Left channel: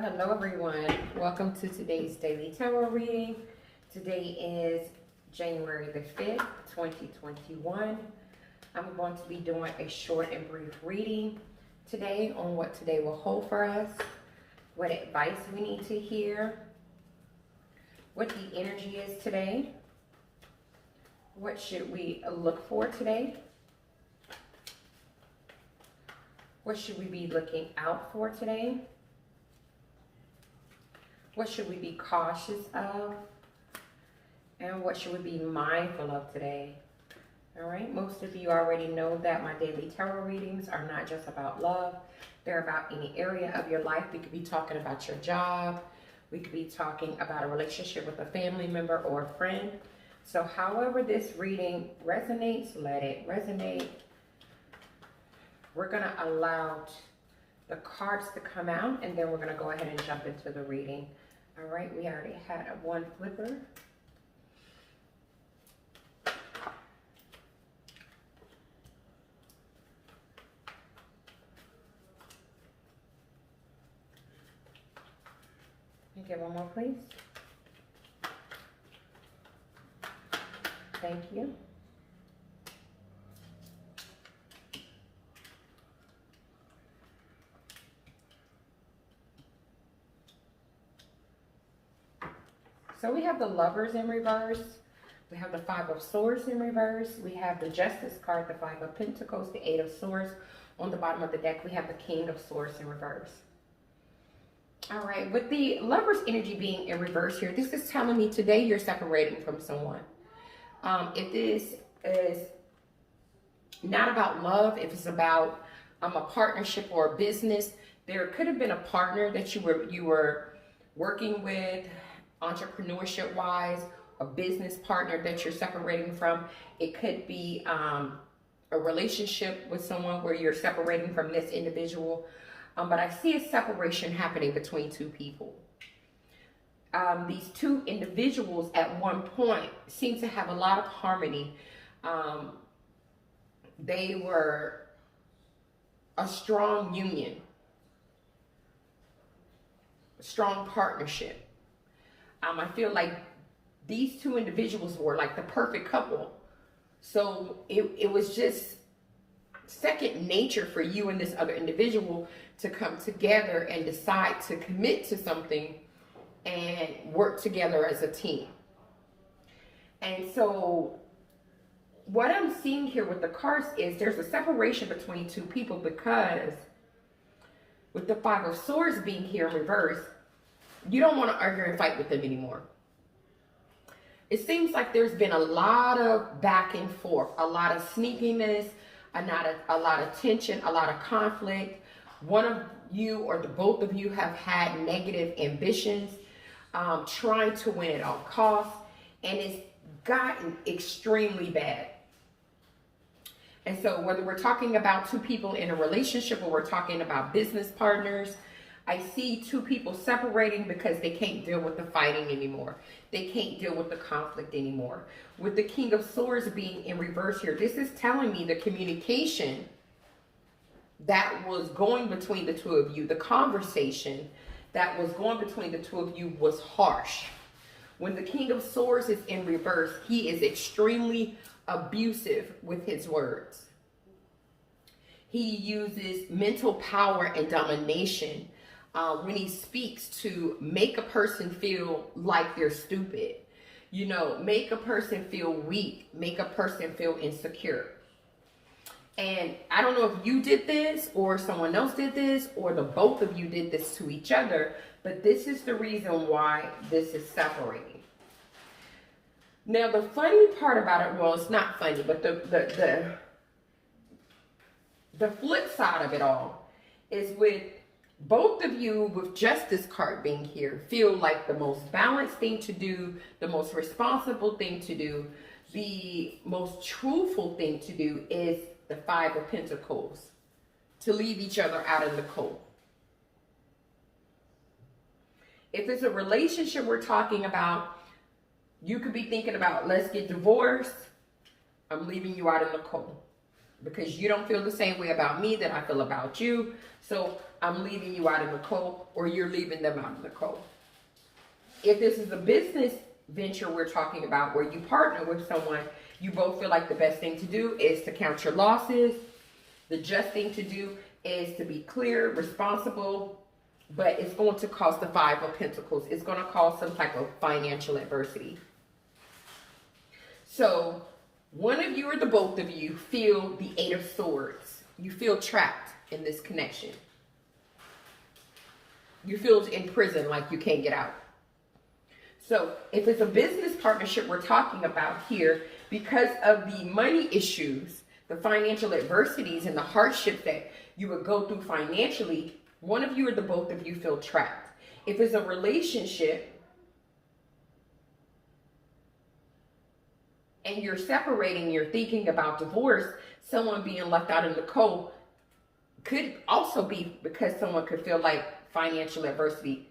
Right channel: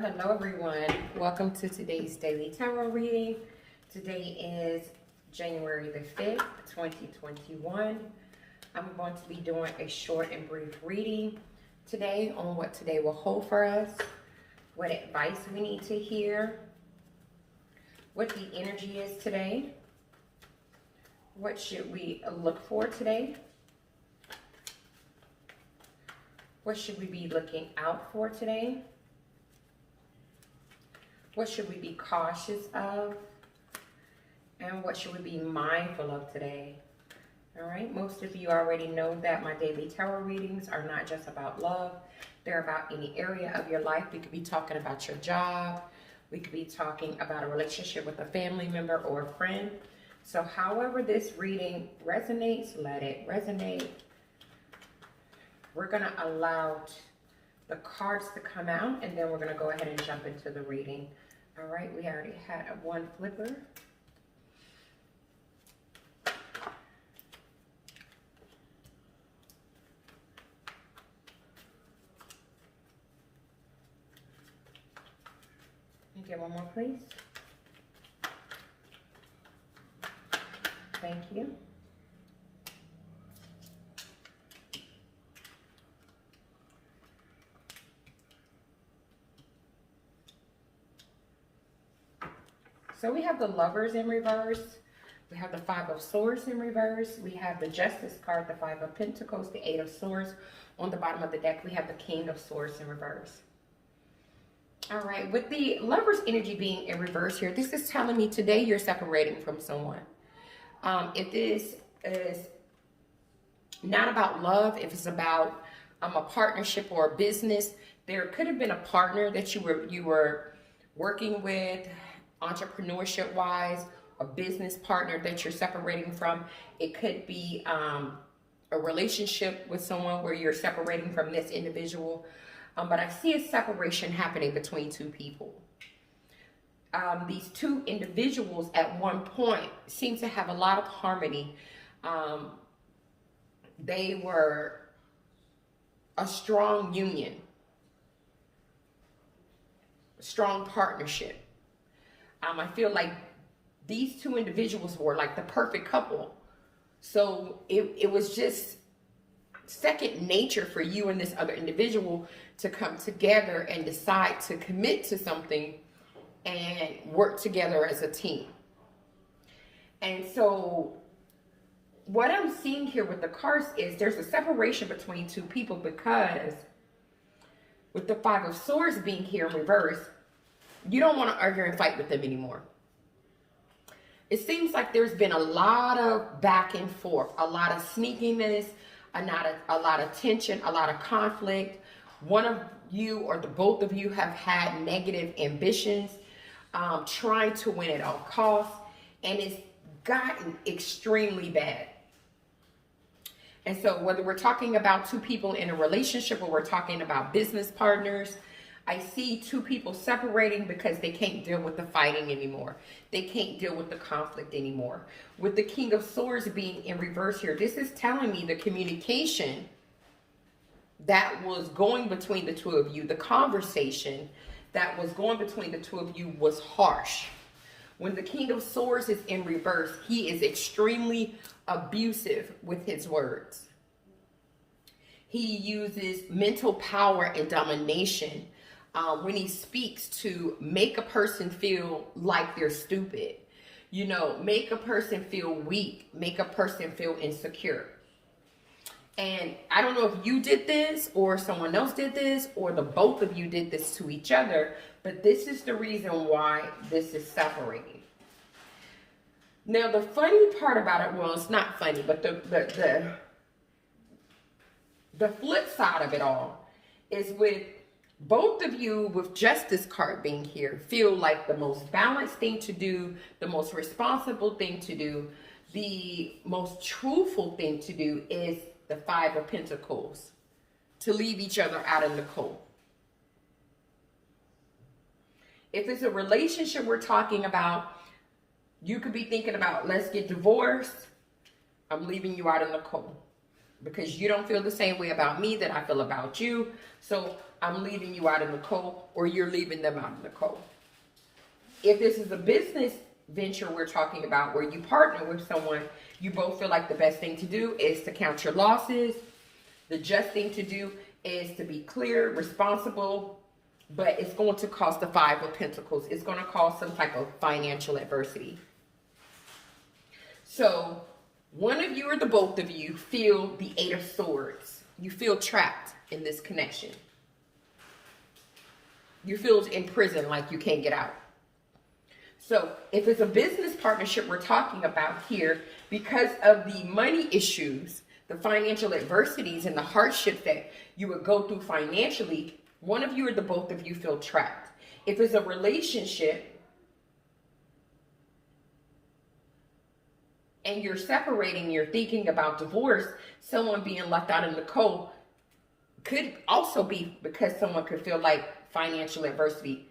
Hello everyone. Welcome to today's daily tarot reading. Today is January the 5th, 2021. I'm going to be doing a short and brief reading today on what today will hold for us, what advice we need to hear, what the energy is today, what should we look for today, what should we be looking out for today, what should we be cautious of? And what should we be mindful of today? All right, most of you already know that my daily tarot readings are not just about love. They're about any area of your life. We could be talking about your job. We could be talking about a relationship with a family member or a friend. So however this reading resonates, let it resonate. We're going to allow the cards to come out, and then we're going to go ahead and jump into the reading. All right, we already had one flipper. Can you get one more, please? Thank you. So we have the Lovers in reverse. We have the Five of Swords in reverse. We have the Justice card, the Five of Pentacles, the Eight of Swords. On the bottom of the deck, we have the King of Swords in reverse. All right, with the Lovers energy being in reverse here, this is telling me today you're separating from someone. If this is not about love, if it's about a partnership or a business, there could have been a partner that you were working with, entrepreneurship wise, a business partner that you're separating from. It could be a relationship with someone where you're separating from this individual. But I see a separation happening between two people. These two individuals at one point seem to have a lot of harmony. They were a strong union, a strong partnership. I feel like these two individuals were like the perfect couple. So it was just second nature for you and this other individual to come together and decide to commit to something and work together as a team. And so what I'm seeing here with the cards is there's a separation between two people, because with the Five of Swords being here in reverse, you don't want to argue and fight with them anymore. It seems like there's been a lot of back and forth, a lot of sneakiness, a lot of tension, a lot of conflict. One of you or the both of you have had negative ambitions, trying to win at all costs, and it's gotten extremely bad. And so whether we're talking about two people in a relationship or we're talking about business partners, I see two people separating because they can't deal with the fighting anymore. They can't deal with the conflict anymore. With the King of Swords being in reverse here, this is telling me the communication that was going between the two of you, the conversation that was going between the two of you was harsh. When the King of Swords is in reverse, he is extremely abusive with his words. He uses mental power and domination when he speaks to make a person feel like they're stupid, you know, make a person feel weak, make a person feel insecure. And I don't know if you did this or someone else did this or the both of you did this to each other, but this is the reason why this is separating. Now, the funny part about it, well, it's not funny, but the flip side of it all is with both of you with Justice card being here feel like the most balanced thing to do, the most responsible thing to do, the most truthful thing to do is the Five of Pentacles, to leave each other out in the cold. If it's a relationship we're talking about, you could be thinking about, let's get divorced. I'm leaving you out in the cold. because you don't feel the same way about me that I feel about you. So I'm leaving you out in the cold, or you're leaving them out in the cold. If this is a business venture we're talking about where you partner with someone, you both feel like the best thing to do is to count your losses. The just thing to do is to be clear, responsible, but it's going to cause the Five of Pentacles. It's going to cause some type of financial adversity. So one of you or the both of you feel the Eight of Swords. You feel trapped in this connection. You feel in prison, like you can't get out. So if it's a business partnership we're talking about here, because of the money issues, the financial adversities and the hardships that you would go through financially, one of you or the both of you feel trapped. If it's a relationship and you're separating, you're thinking about divorce, someone being left out in the cold could also be because someone could feel like financial adversity.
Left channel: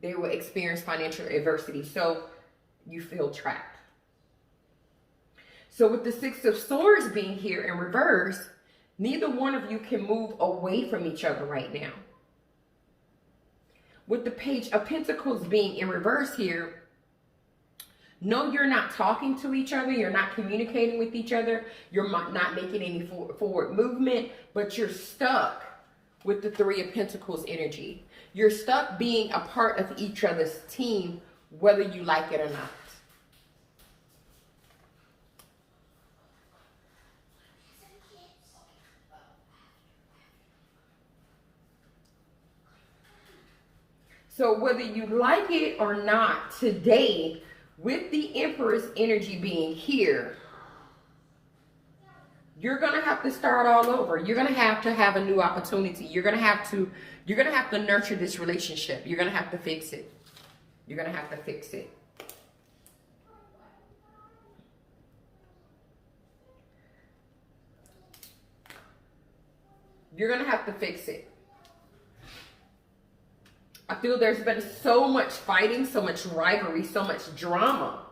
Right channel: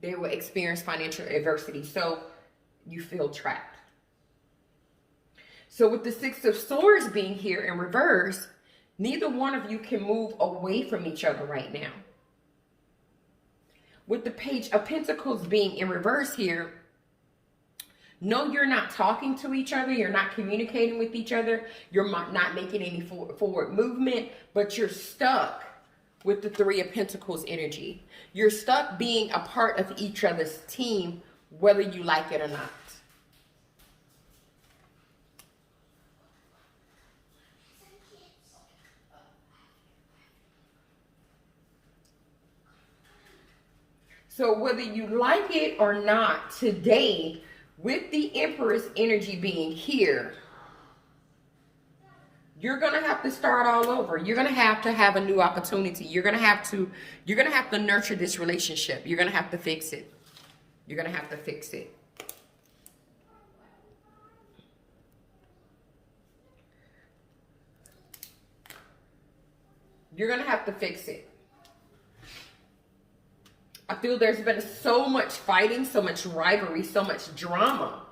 They will experience financial adversity, so you feel trapped. So with the Six of Swords being here in reverse, neither one of you can move away from each other right now. With the Page of Pentacles being in reverse here, no, you're not talking to each other. You're not communicating with each other. You're not making any forward movement, but you're stuck with the Three of Pentacles energy. You're stuck being a part of each other's team, whether you like it or not. So whether you like it or not, today, with the Empress energy being here, you're going to have to start all over. You're going to have a new opportunity. You're going to have to nurture this relationship. You're going to have to fix it. You're going to have to fix it. You're going to have to fix it. I feel there's been so much fighting, so much rivalry, so much drama,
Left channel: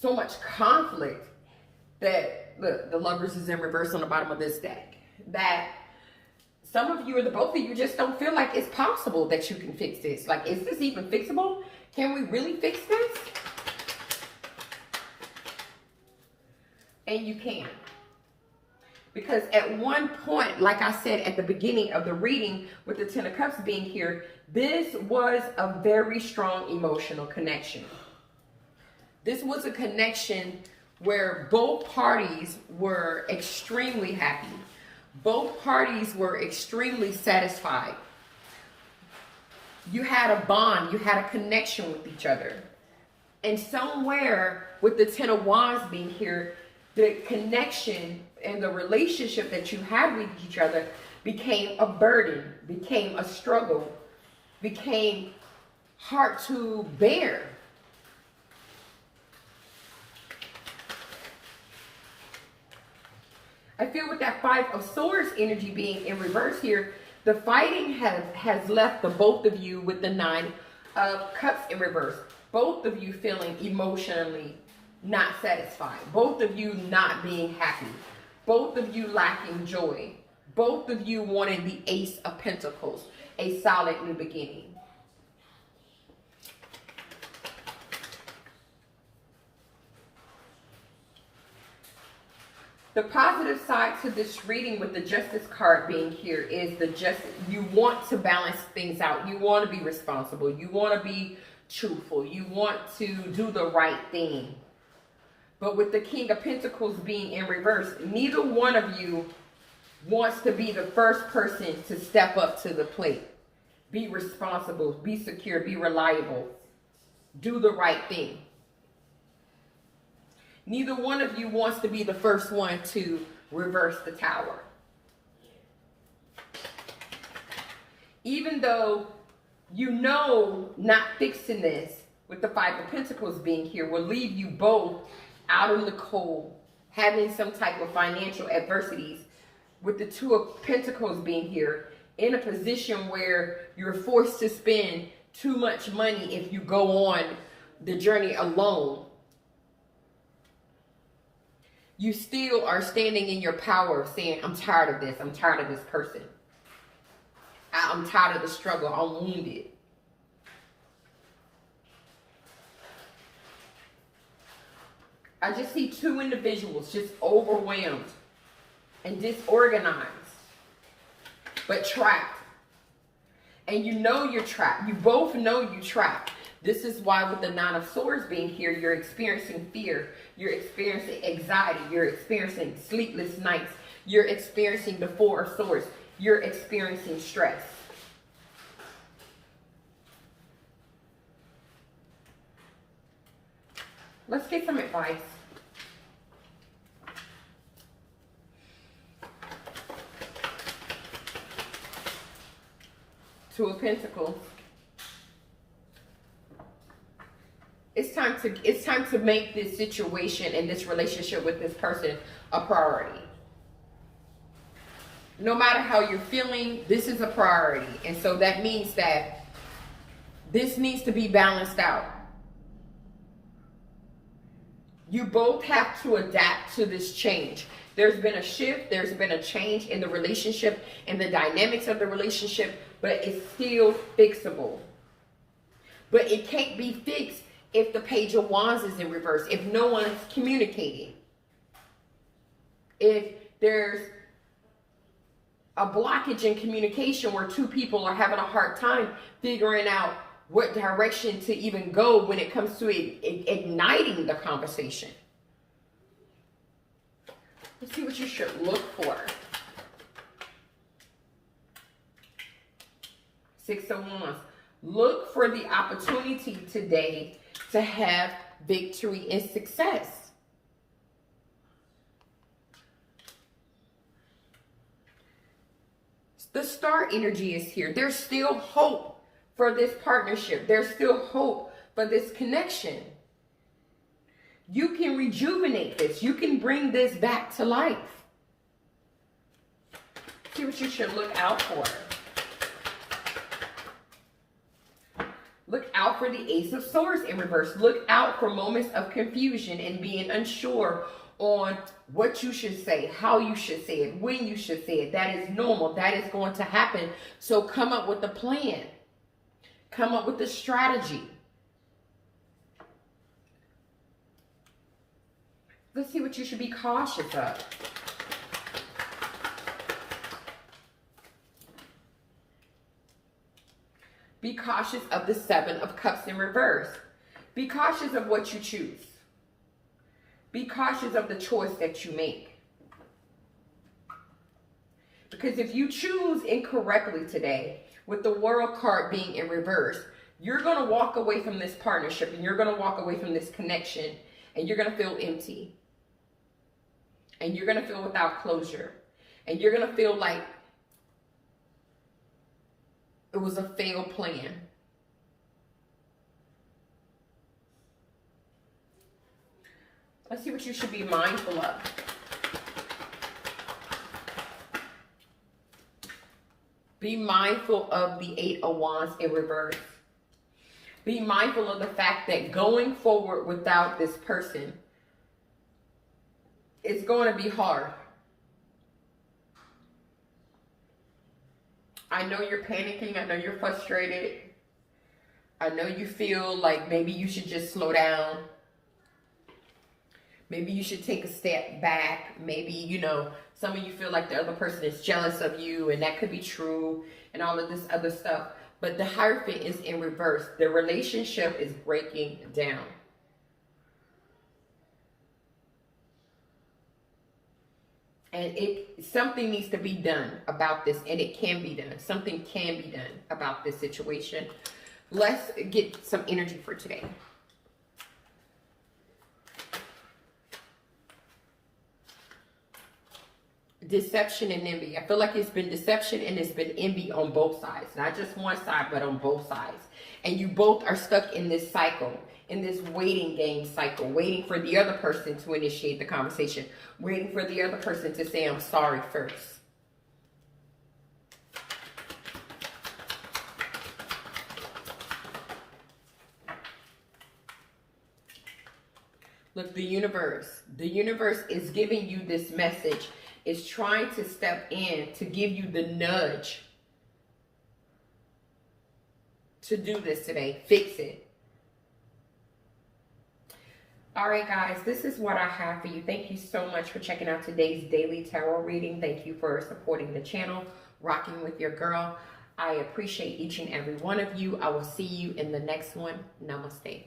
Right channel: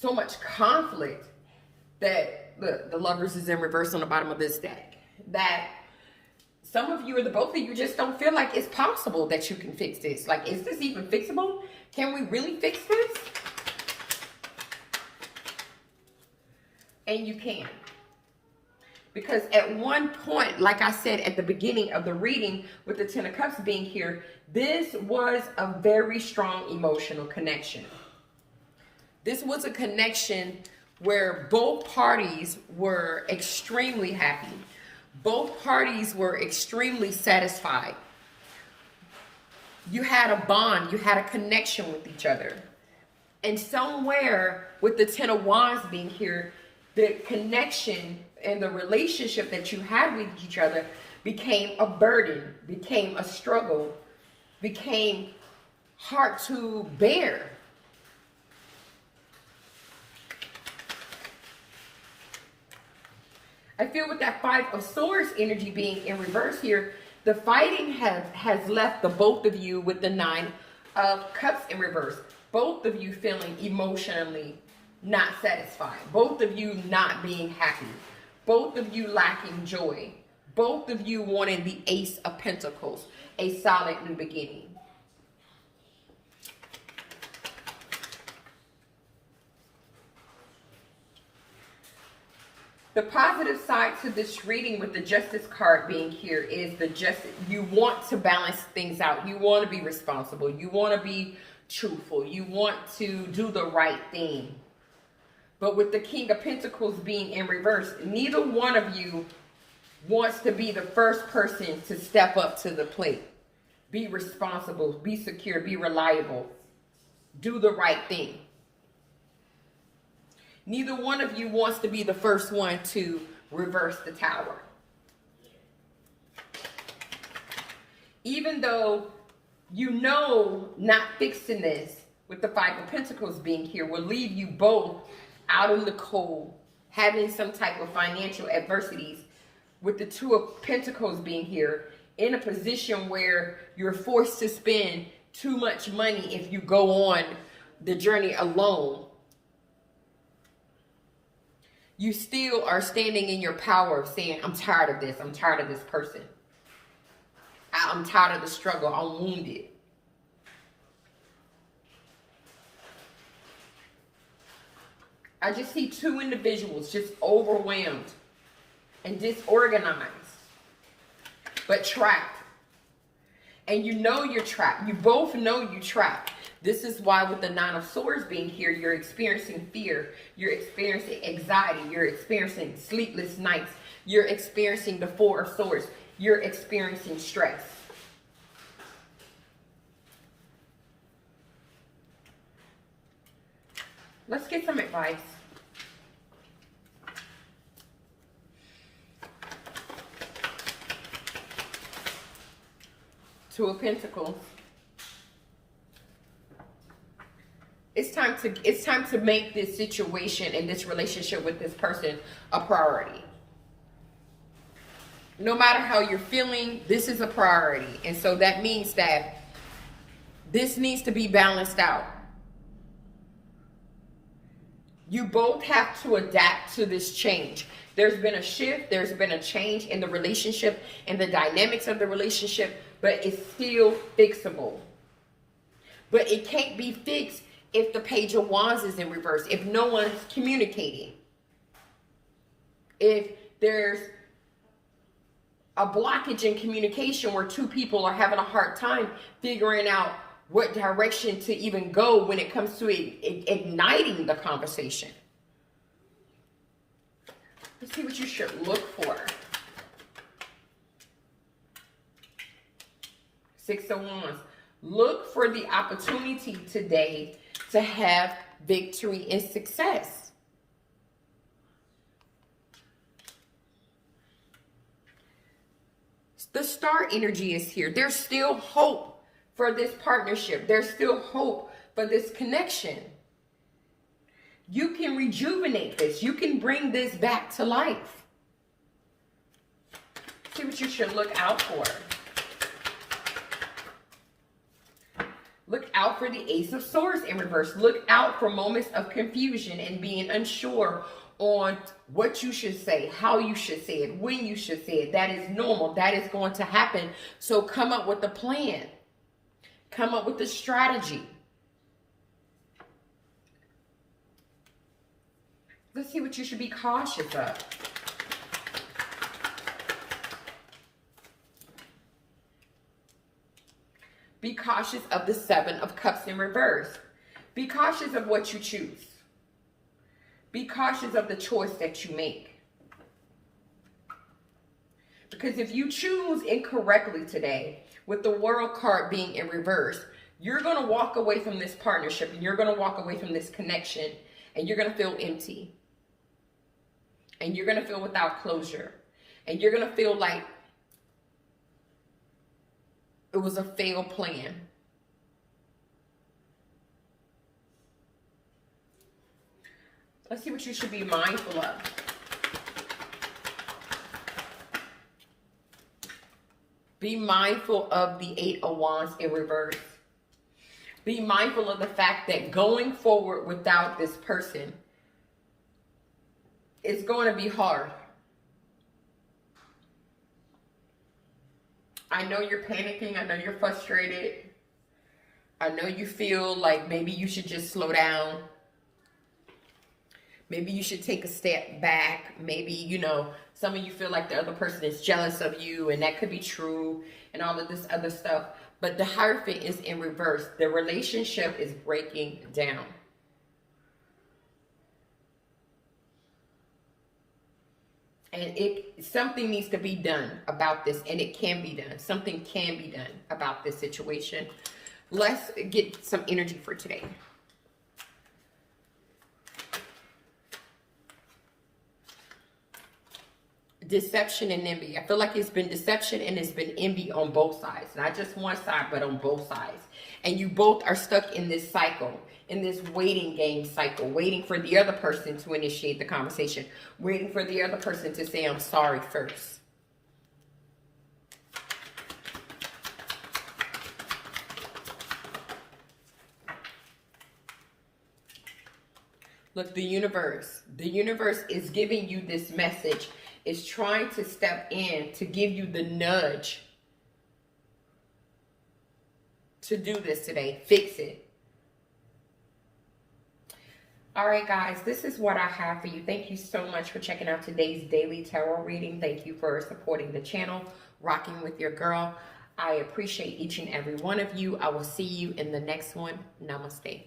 so much conflict that, look, the Lovers is in reverse on the bottom of this deck. That some of you or the both of you just don't feel like it's possible that you can fix this. Like, is this even fixable? Can we really fix this? And you can. Because at one point, like I said at the beginning of the reading with the Ten of Cups being here, this was a very strong emotional connection. This was a connection where both parties were extremely happy. Both parties were extremely satisfied. You had a bond, you had a connection with each other. And somewhere with the Ten of Wands being here, the connection and the relationship that you had with each other became a burden, became a struggle, became hard to bear. I feel with that Five of Swords energy being in reverse here, the fighting has left the both of you with the Nine of Cups in reverse. Both of you feeling emotionally not satisfied. Both of you not being happy. Both of you lacking joy. Both of you wanting the Ace of Pentacles, a solid new beginning. The positive side to this reading with the Justice card being here is you want to balance things out. You want to be responsible. You want to be truthful. You want to do the right thing. But with the King of Pentacles being in reverse, neither one of you wants to be the first person to step up to the plate. Be responsible, be secure, be reliable. Do the right thing. Neither one of you wants to be the first one to reverse the tower. Even though you know not fixing this with the Five of Pentacles being here will leave you both out in the cold, having some type of financial adversities, with the Two of Pentacles being here, in a position where you're forced to spend too much money if you go on the journey alone. you still are standing in your power of saying, I'm tired of this. I'm tired of this person. I'm tired of the struggle. I'm wounded. I just see two individuals just overwhelmed and disorganized, but trapped. And you know you're trapped. You both know you're trapped. This is why with the Nine of Swords being here, you're experiencing fear. You're experiencing anxiety. You're experiencing sleepless nights. You're experiencing the Four of Swords. You're experiencing stress. Let's get some advice. Two of Pentacles. It's time to make this situation and this relationship with this person a priority. No matter how you're feeling, this is a priority. And so that means that this needs to be balanced out. You both have to adapt to this change. There's been a shift. There's been a change in the relationship and the dynamics of the relationship, but it's still fixable. But it can't be fixed if the Page of Wands is in reverse, if no one is communicating, if there's a blockage in communication where two people are having a hard time figuring out what direction to even go when it comes to igniting the conversation. Let's see what you should look for. Six of Wands. Look for the opportunity today to have victory and success. The Star energy is here. There's still hope for this partnership. There's still hope for this connection. You can rejuvenate this. You can bring this back to life. See what you should look out for. Look out for the Ace of Swords in reverse. Look out for moments of confusion and being unsure on what you should say, how you should say it, when you should say it. That is normal. That is going to happen. So come up with a plan. Come up with a strategy. Let's see what you should be cautious of. Be cautious of the Seven of Cups in reverse. Be cautious of what you choose. Be cautious of the choice that you make. Because if you choose incorrectly today, with the World card being in reverse, you're going to walk away from this partnership and you're going to walk away from this connection and you're going to feel empty. And you're going to feel without closure. And you're going to feel like it was a failed plan. Let's see what you should be mindful of. Be mindful of the Eight of Wands in reverse. Be mindful of the fact that going forward without this person is going to be hard. I know you're panicking. I know you're frustrated. I know you feel like maybe you should just slow down. Maybe you should take a step back. Maybe, you know, some of you feel like the other person is jealous of you, and that could be true, and all of this other stuff. But the Hierophant is in reverse. The relationship is breaking down. And something needs to be done about this, and it can be done. Something can be done about this situation. Let's get some energy for today. Deception and envy. I feel like it's been deception and it's been envy on both sides. Not just one side, but on both sides. And you both are stuck in this cycle, in this waiting game cycle, waiting for the other person to initiate the conversation, waiting for the other person to say, I'm sorry first. Look, the universe is giving you this message. It's trying to step in to give you the nudge to do this today. Fix it. All right, guys, this is what I have for you. Thank you so much for checking out today's daily tarot reading. Thank you for supporting the channel, rocking with your girl. I appreciate each and every one of you. I will see you in the next one. Namaste.